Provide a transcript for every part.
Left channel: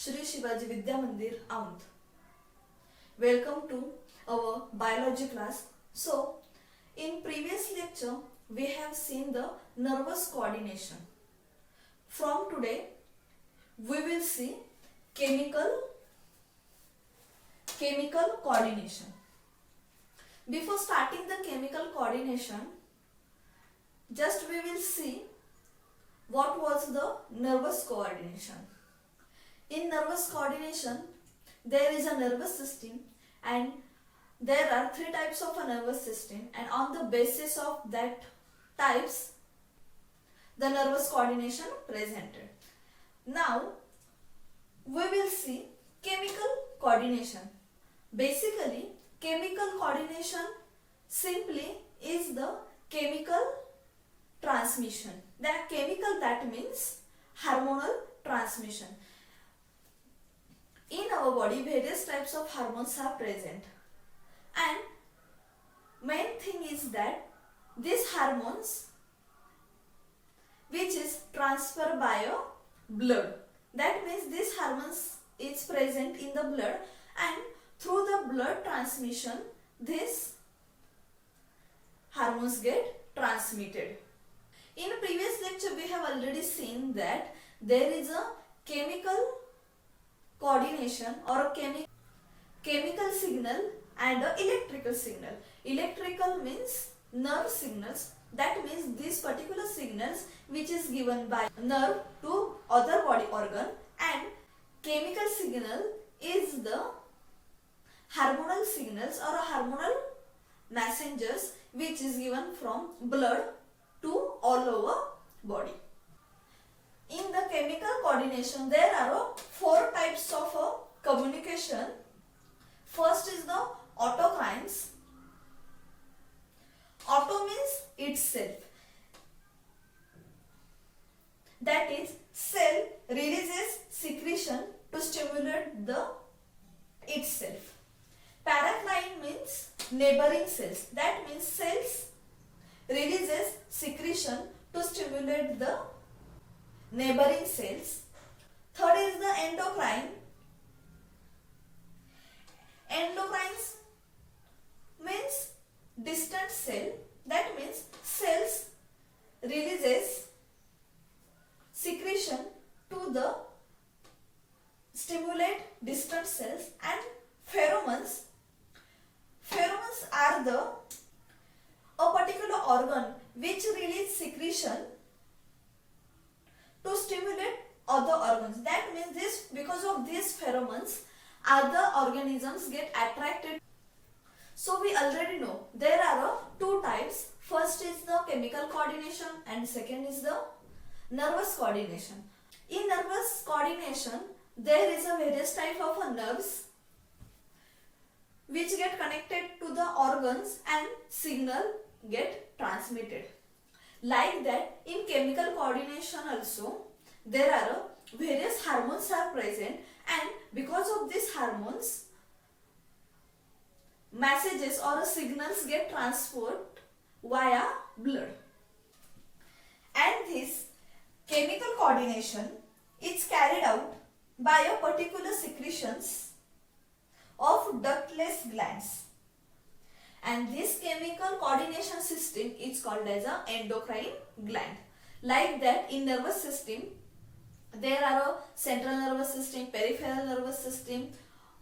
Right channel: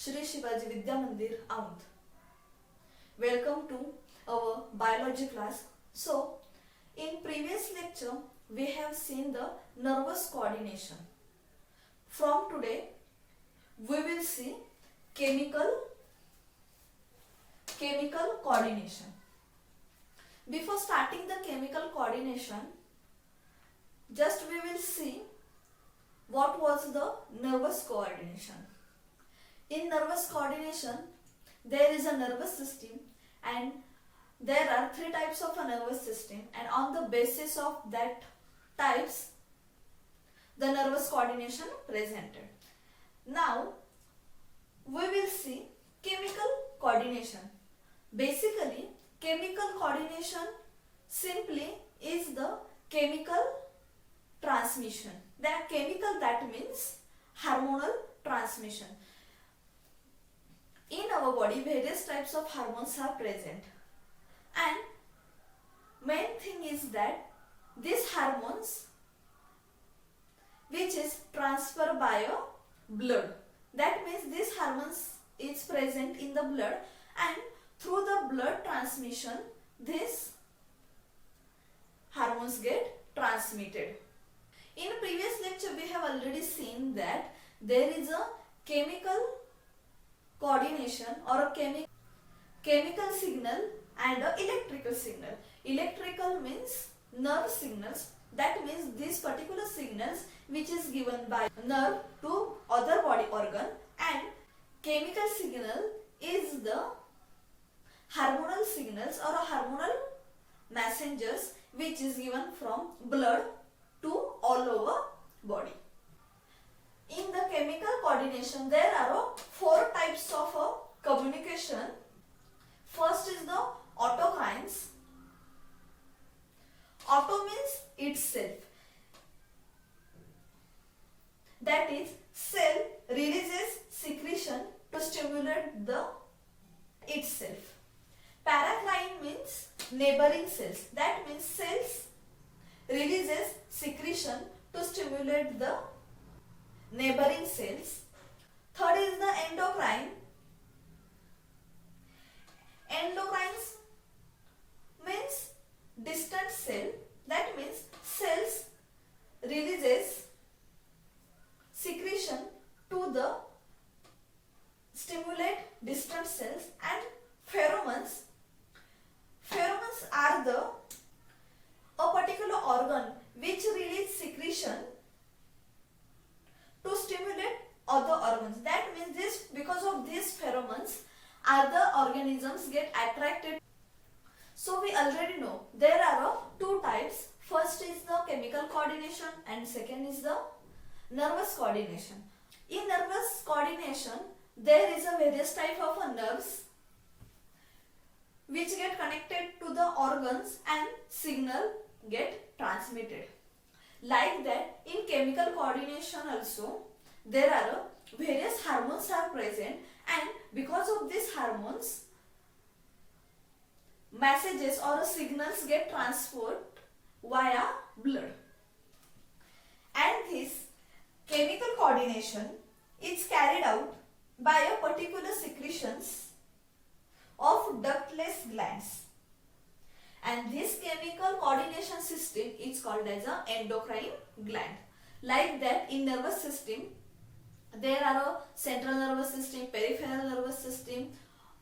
Shri Shivaji Vidya Mandir, Aundh. Welcome to our biology class. So, in previous lecture, we have seen the nervous coordination. From today, we will see chemical coordination. Before starting the chemical coordination, just we will see what was the nervous coordination. In nervous coordination, there is a nervous system and there are three types of a nervous system, and on the basis of that types, the nervous coordination presented. Now, we will see chemical coordination. Basically, chemical coordination simply is the chemical transmission. That chemical, that means hormonal transmission. In our body, various types of hormones are present, and main thing is that these hormones which is transferred by a blood. That means this hormones is present in the blood, and through the blood transmission these hormones get transmitted. In previous lecture we have already seen that there is a chemical coordination or a chemical signal and a electrical signal. Electrical means nerve signals. That means these particular signals which is given by nerve to other body organ, and chemical signal is the hormonal signals or hormonal messengers which is given from blood to all over body. In the chemical coordination, there are four types of communication. First is the autocrines. Auto means itself. That is, cell releases secretion to stimulate the itself. Paracrine means neighboring cells. That means cells releases secretion to stimulate the neighboring cells. Third is the endocrine. Endocrines means distant cell. That means cells releases secretion to the stimulate distant cells. And pheromones. Pheromones are a particular organ which release secretion to stimulate other organs. That means because of these pheromones, other organisms get attracted. So we already know there are two types. First is the chemical coordination and second is the nervous coordination. In nervous coordination, there is a various type of nerves which get connected to the organs and signal get transmitted. Like that, in chemical coordination also, there are various hormones are present, and because of these hormones, messages or signals get transferred via blood. And this chemical coordination is carried out by a particular secretions of ductless glands. And this chemical coordination system is called as an endocrine gland. Like that, in nervous system, there are a central nervous system, peripheral nervous system,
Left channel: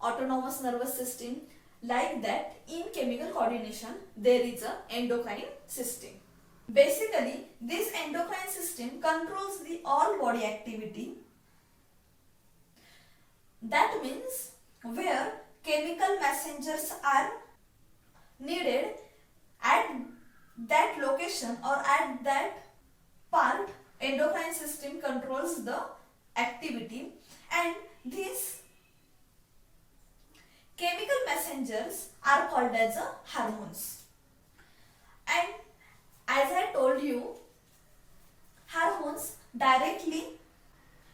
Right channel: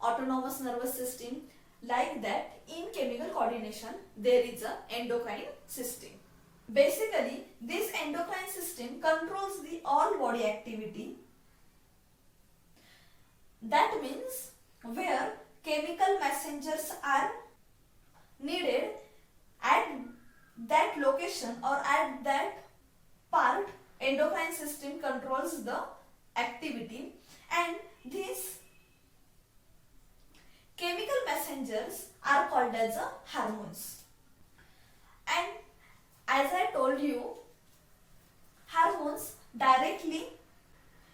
autonomous nervous system. Like that, in chemical coordination, there is an endocrine system. Basically, this endocrine system controls the all body activity. That means where chemical messengers are needed at that location or at that part, endocrine system controls the activity, and these chemical messengers are called as hormones. And as I told you, hormones directly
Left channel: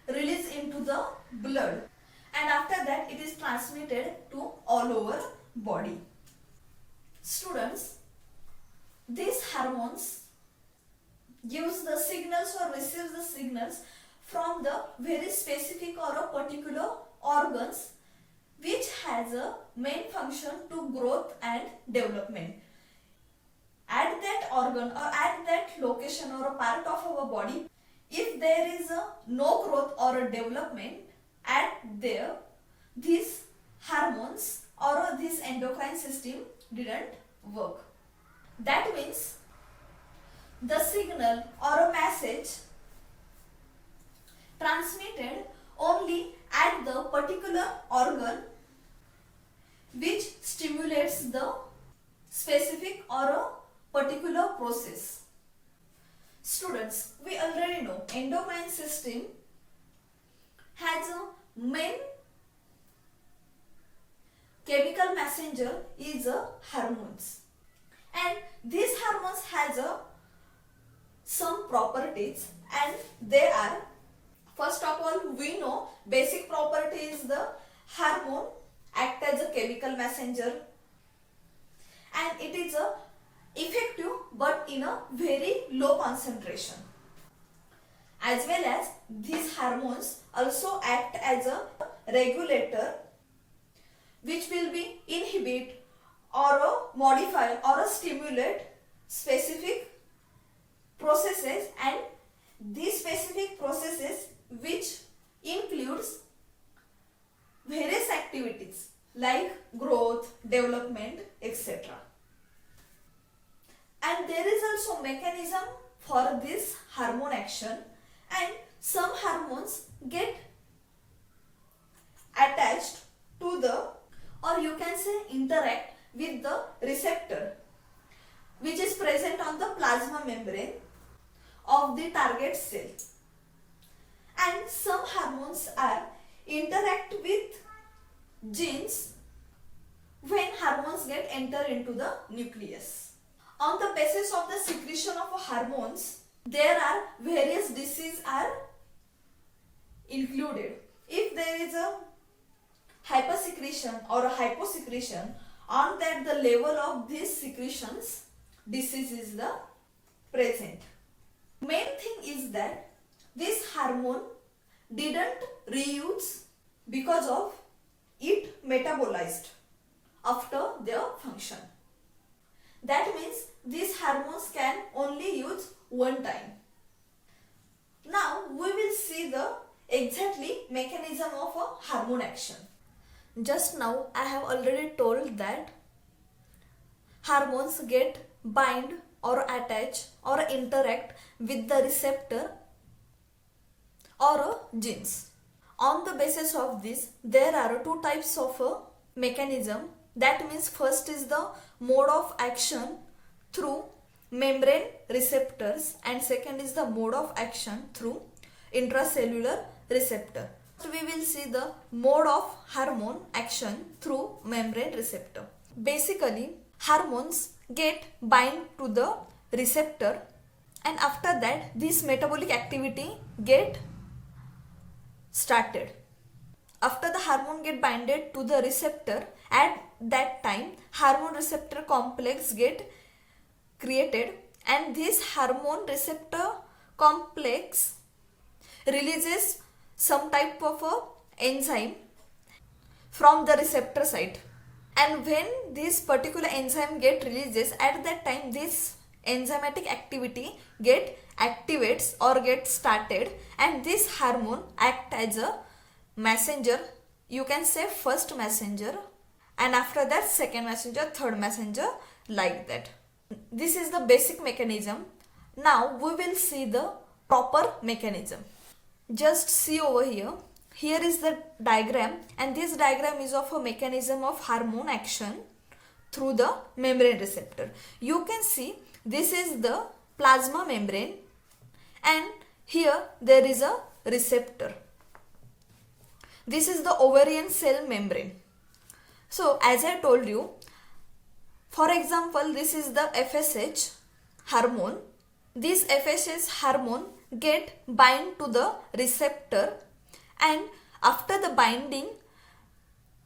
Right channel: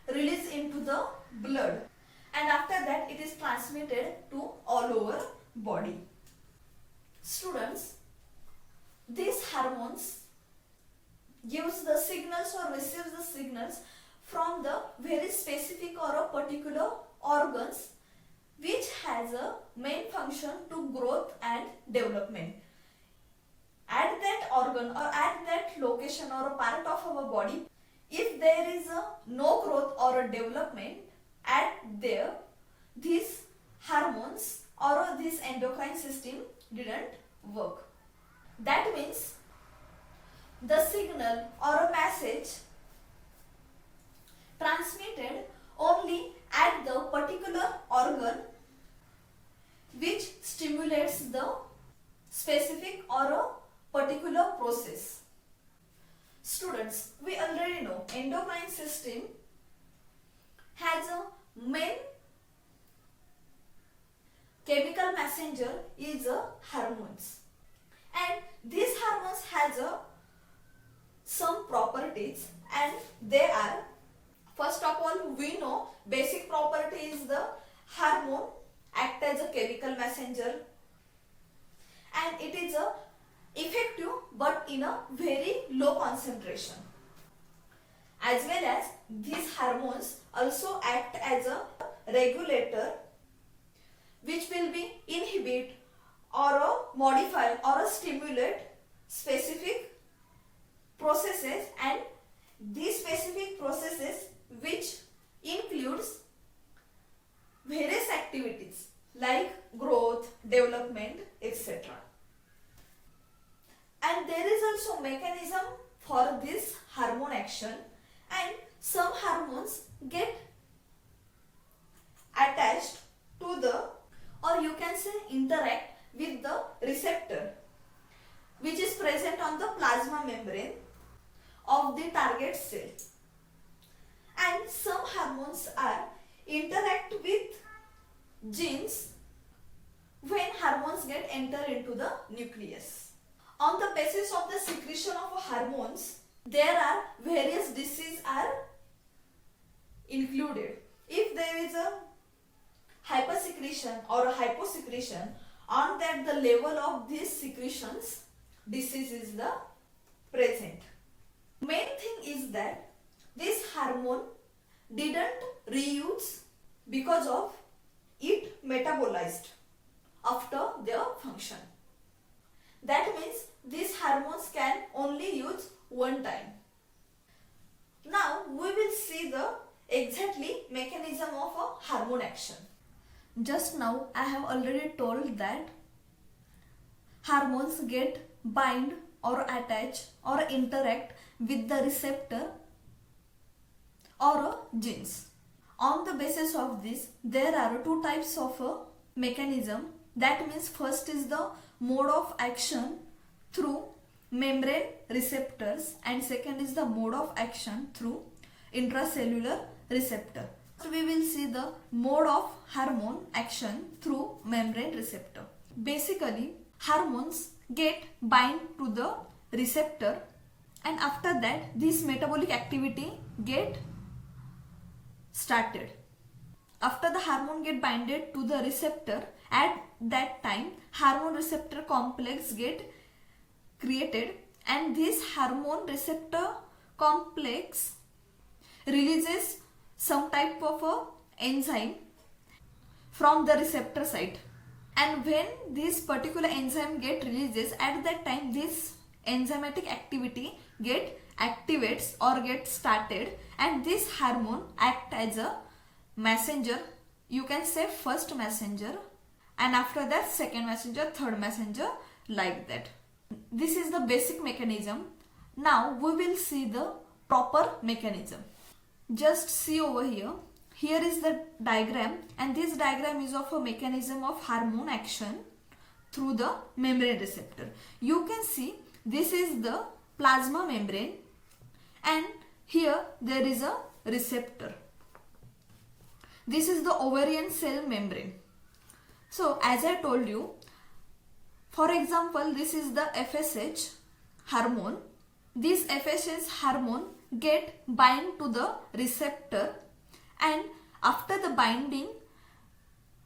release into the blood, and after that it is transmitted to all over body. Students, these hormones gives the signals or receives the signals from the very specific or a particular organs which has a main function to growth and development. At that organ or at that location or a part of our body, if there is a no growth or a development at there, these hormones or this endocrine system didn't work. That means the signal or a message transmitted only at the particular organ which stimulates the specific or a particular process. Students, we already know endocrine system has a main chemical messenger is a hormones, and these hormones has a some properties, and they are, first of all, we know basic property is the hormone act as a chemical messenger, and it is a effective but in a very low concentration, as well as these hormones also act as a regulator which will be inhibit or a modify or a stimulate specific processes, and these specific processes which includes various activities like growth, development, etc. And there is also mechanism for this hormone action, and some hormones get attached to the, or you can say interact with the receptor which is present on the plasma membrane of the target cell, and some hormones are interact with genes when hormones get enter into the nucleus. On the basis of the secretion of hormones, there are various diseases are included. If there is a hypersecretion or a hyposecretion, on that the level of these secretions, disease is the present. Main thing is that this hormone didn't reuse because of it metabolized after their function. That means these hormones can only use one time. Now we will see the exactly mechanism of a hormone action. Just now I have already told that hormones get bind or attach or interact with the receptor or genes. On the basis of this, there are two types of mechanism. That means first is the mode of action through membrane receptors, and second is the mode of action through intracellular receptor. We will see the mode of hormone action through membrane receptor. Basically, hormones get bind to the receptor, and after that this metabolic activity get started. After the hormone get binded to the receptor, at that time hormone receptor complex get created, and this hormone receptor complex releases some type of a enzyme from the receptor site, and when this particular enzyme get releases, at that time this enzymatic activity get activates or get started, and this hormone act as a messenger. You can say first messenger, and after that second messenger, third messenger, like that. This is the basic mechanism. Now we will see the proper mechanism. Just see over here. Here is the diagram, and this diagram is of a mechanism of hormone action through the membrane receptor. You can see this is the plasma membrane, and here there is a receptor. This is the ovarian cell membrane. So as I told you, for example, this is the FSH hormone. This FSH hormone get bind to the receptor, and after the binding,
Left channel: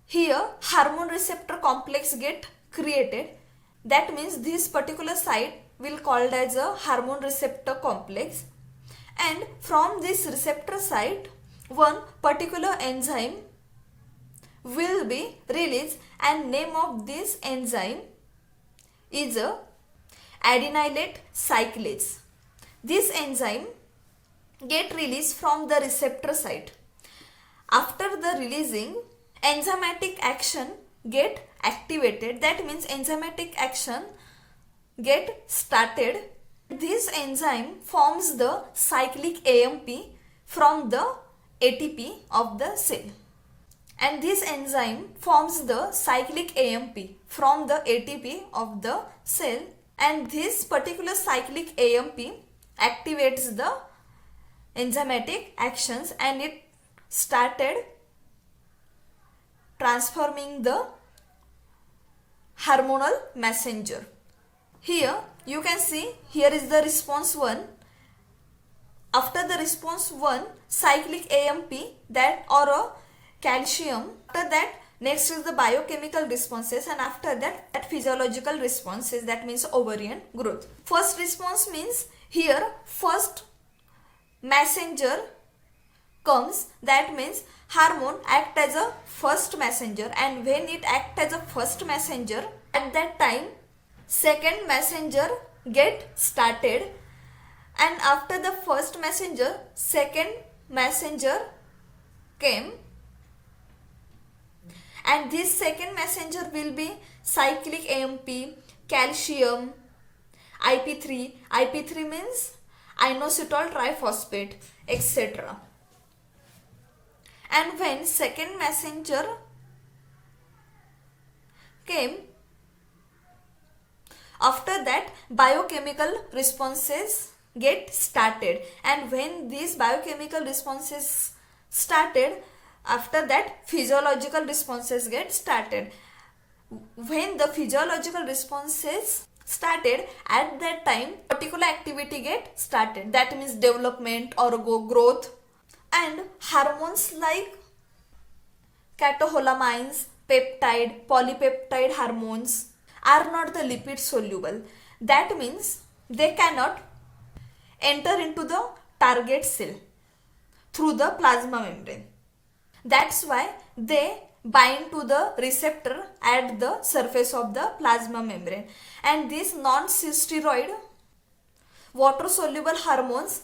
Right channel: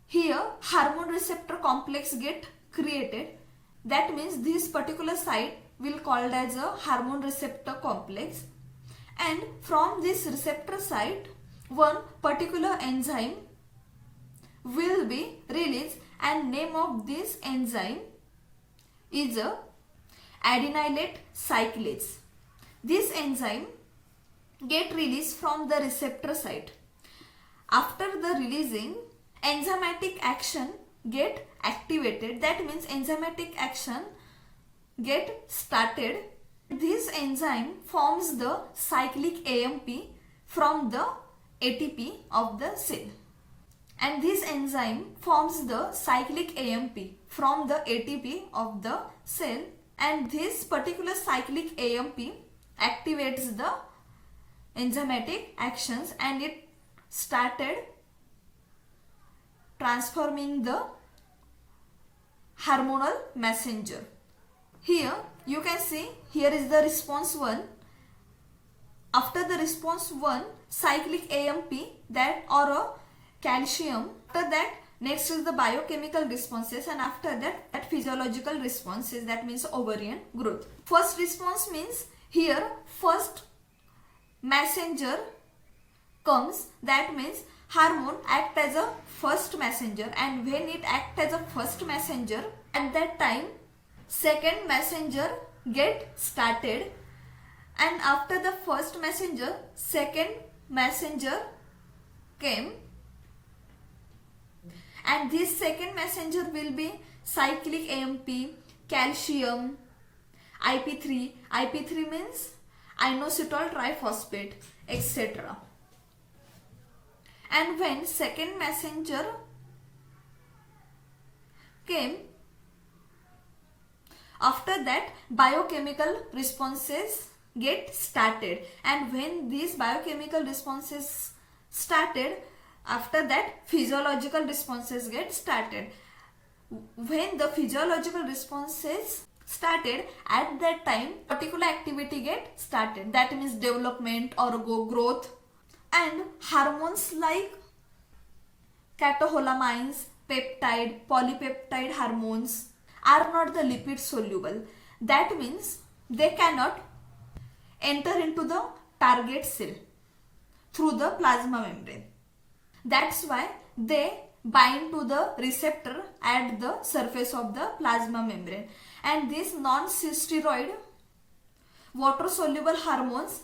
here hormone receptor complex get created. That means this particular site will called as a hormone receptor complex, and from this receptor site one particular enzyme will be released, and name of this enzyme is a adenylate cyclase. This enzyme get released from the receptor site. After the releasing, enzymatic action get activated. That means enzymatic action get started. This enzyme forms the cyclic AMP from the ATP of the cell. And this enzyme forms the cyclic AMP from the ATP of the cell, and this particular cyclic AMP activates the enzymatic actions and it started transforming the hormonal messenger. Here you can see, here is the response 1. After the response 1, cyclic AMP that or a calcium. After that, next is the biochemical responses, and after that physiological responses, that means ovarian growth. First response means here first messenger comes, that means hormone act as a first messenger, and when it act as a first messenger, at that time second messenger get started, and after the first messenger second messenger came, and this second messenger will be cyclic AMP, calcium, IP3. IP3 means inositol triphosphate, etc. And when second messenger came, after that biochemical responses get started, and when these biochemical responses started, after that physiological responses get started. When the physiological responses started, at that time particular activity get started, that means development or growth, and hormones like catecholamines, peptide, polypeptide hormones are not the lipid soluble. That means they cannot enter into the target cell through the plasma membrane. That's why they bind to the receptor at the surface of the plasma membrane, and these non-steroid water soluble hormones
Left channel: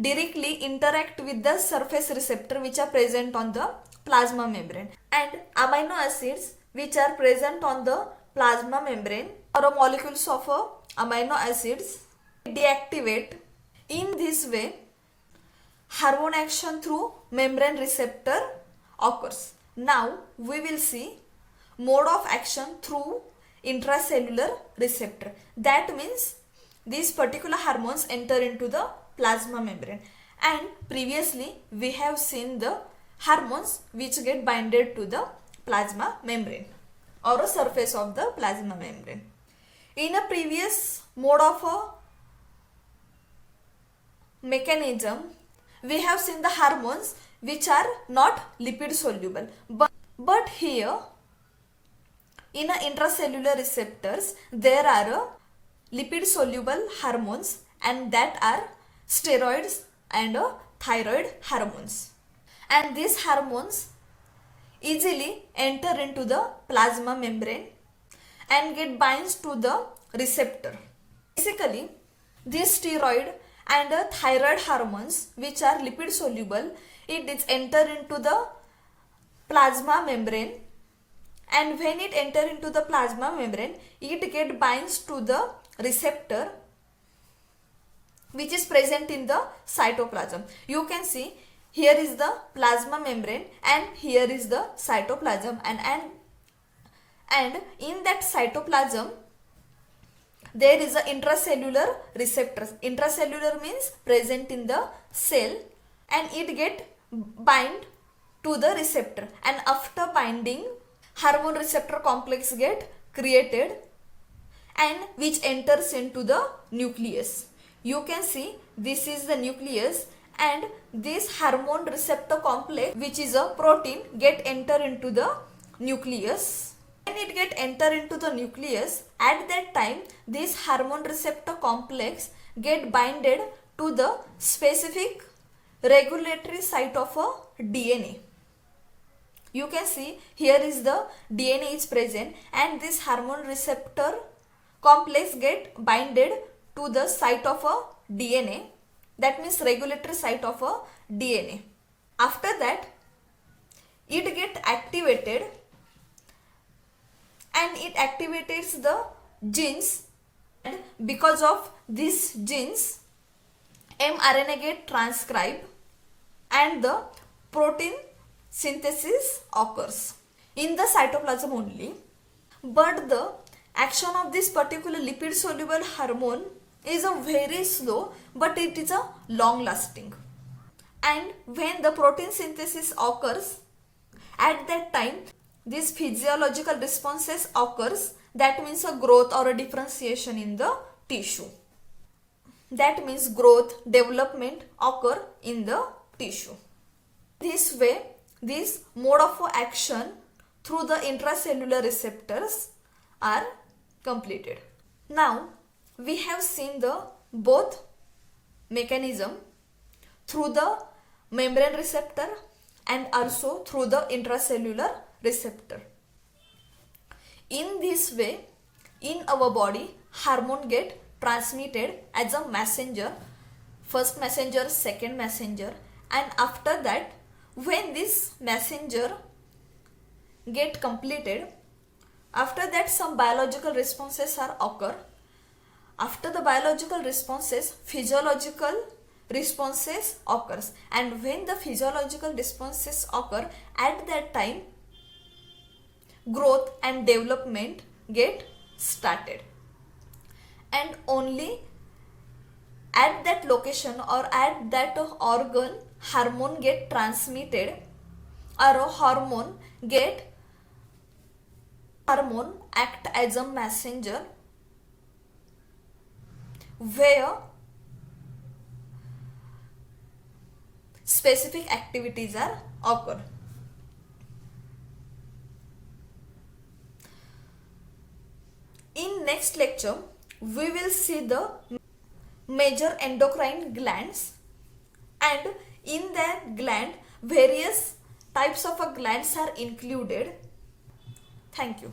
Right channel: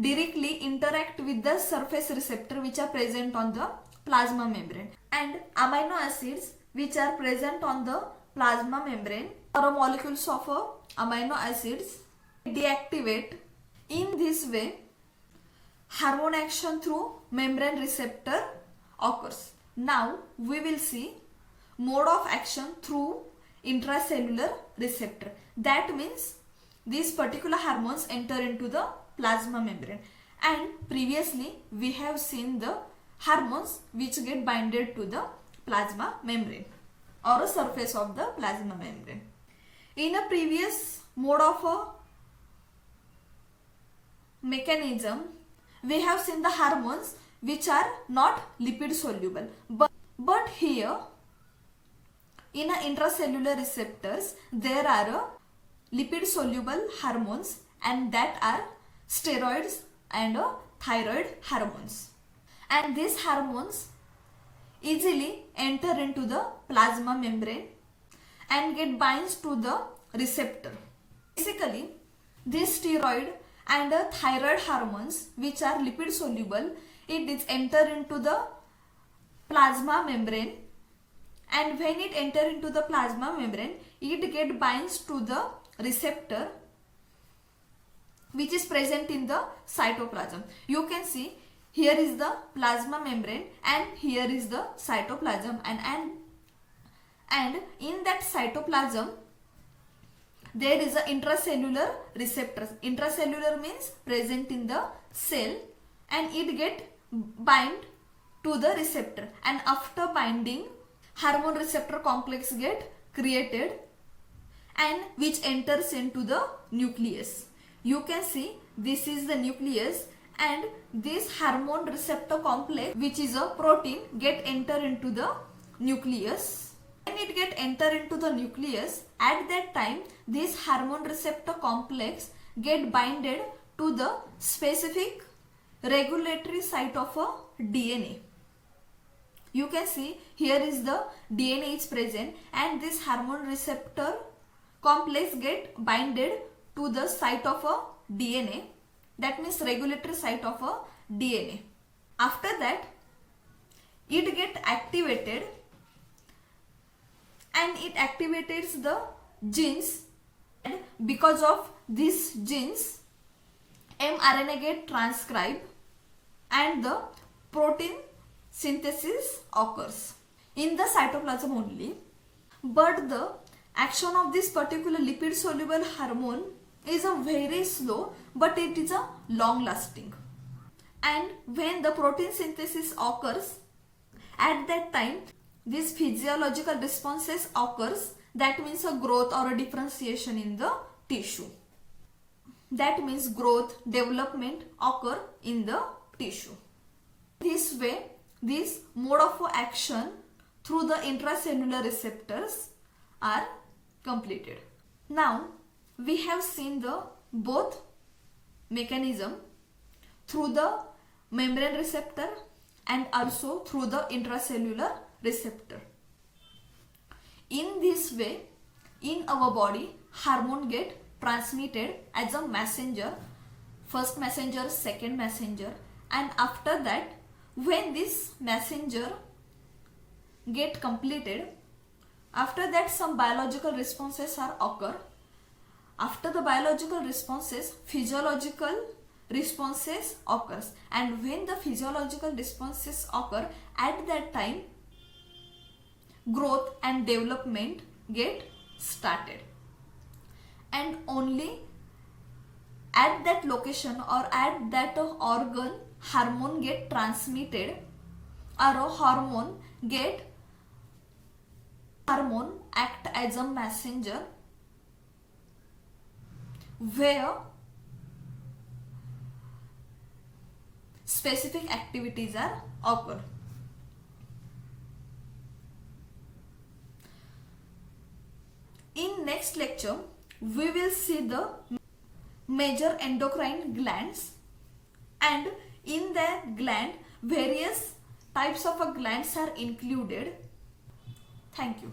directly interact with the surface receptor which are present on the plasma membrane, and amino acids which are present on the plasma membrane or molecules of amino acids deactivate. In this way hormone action through membrane receptor occurs. Now we will see mode of action through intracellular receptor. That means these particular hormones enter into the plasma membrane, and previously we have seen the hormones which get binded to the plasma membrane or a surface of the plasma membrane. In a previous mode of a mechanism, we have seen the hormones which are not lipid soluble, but here in a intracellular receptors there are lipid soluble hormones, and that are steroids and thyroid hormones, and these hormones easily enter into the plasma membrane and get binds to the receptor. Basically these steroid and thyroid hormones which are lipid soluble, it is enter into the plasma membrane, and when it enter into the plasma membrane it get binds to the receptor which is present in the cytoplasm. You can see here is the plasma membrane and here is the cytoplasm, and in that cytoplasm there is a intracellular receptors. Intracellular means present in the cell, and it get bind to the receptor, and after binding hormone receptor complex get created and which enters into the nucleus. You can see this is the nucleus, and this hormone receptor complex which is a protein get enter into the nucleus. When it get enter into the nucleus, at that time this hormone receptor complex get binded to the specific regulatory site of a DNA. You can see here is the DNA is present and this hormone receptor complex get binded to the site of a DNA, that means regulatory site of a DNA. After that it get activated and it activates the genes, and because of these genes mRNA get transcribed and the protein synthesis occurs in the cytoplasm only. But the action of this particular lipid soluble hormone is a very slow, but it is a long lasting. And when the protein synthesis occurs, at that time these physiological responses occurs, that means a growth or a differentiation in the tissue. That means growth, development occur in the tissue. This way, this mode of action through the intracellular receptors are completed. Now, we have seen the both mechanism through the membrane receptor and also through the intracellular receptor. In this way, in our body, hormone get transmitted as a messenger, first messenger, second messenger, and after that when this messenger get completed, after that some biological responses are occur. After the biological responses, physiological responses occurs, and when the physiological responses occur, at that time growth and development get started, and only at that location or at that organ hormone get transmitted, or a hormone act as a messenger where specific activities are occur. In next lecture, we will see the major endocrine glands, and in that gland various types of glands are included. Thank you.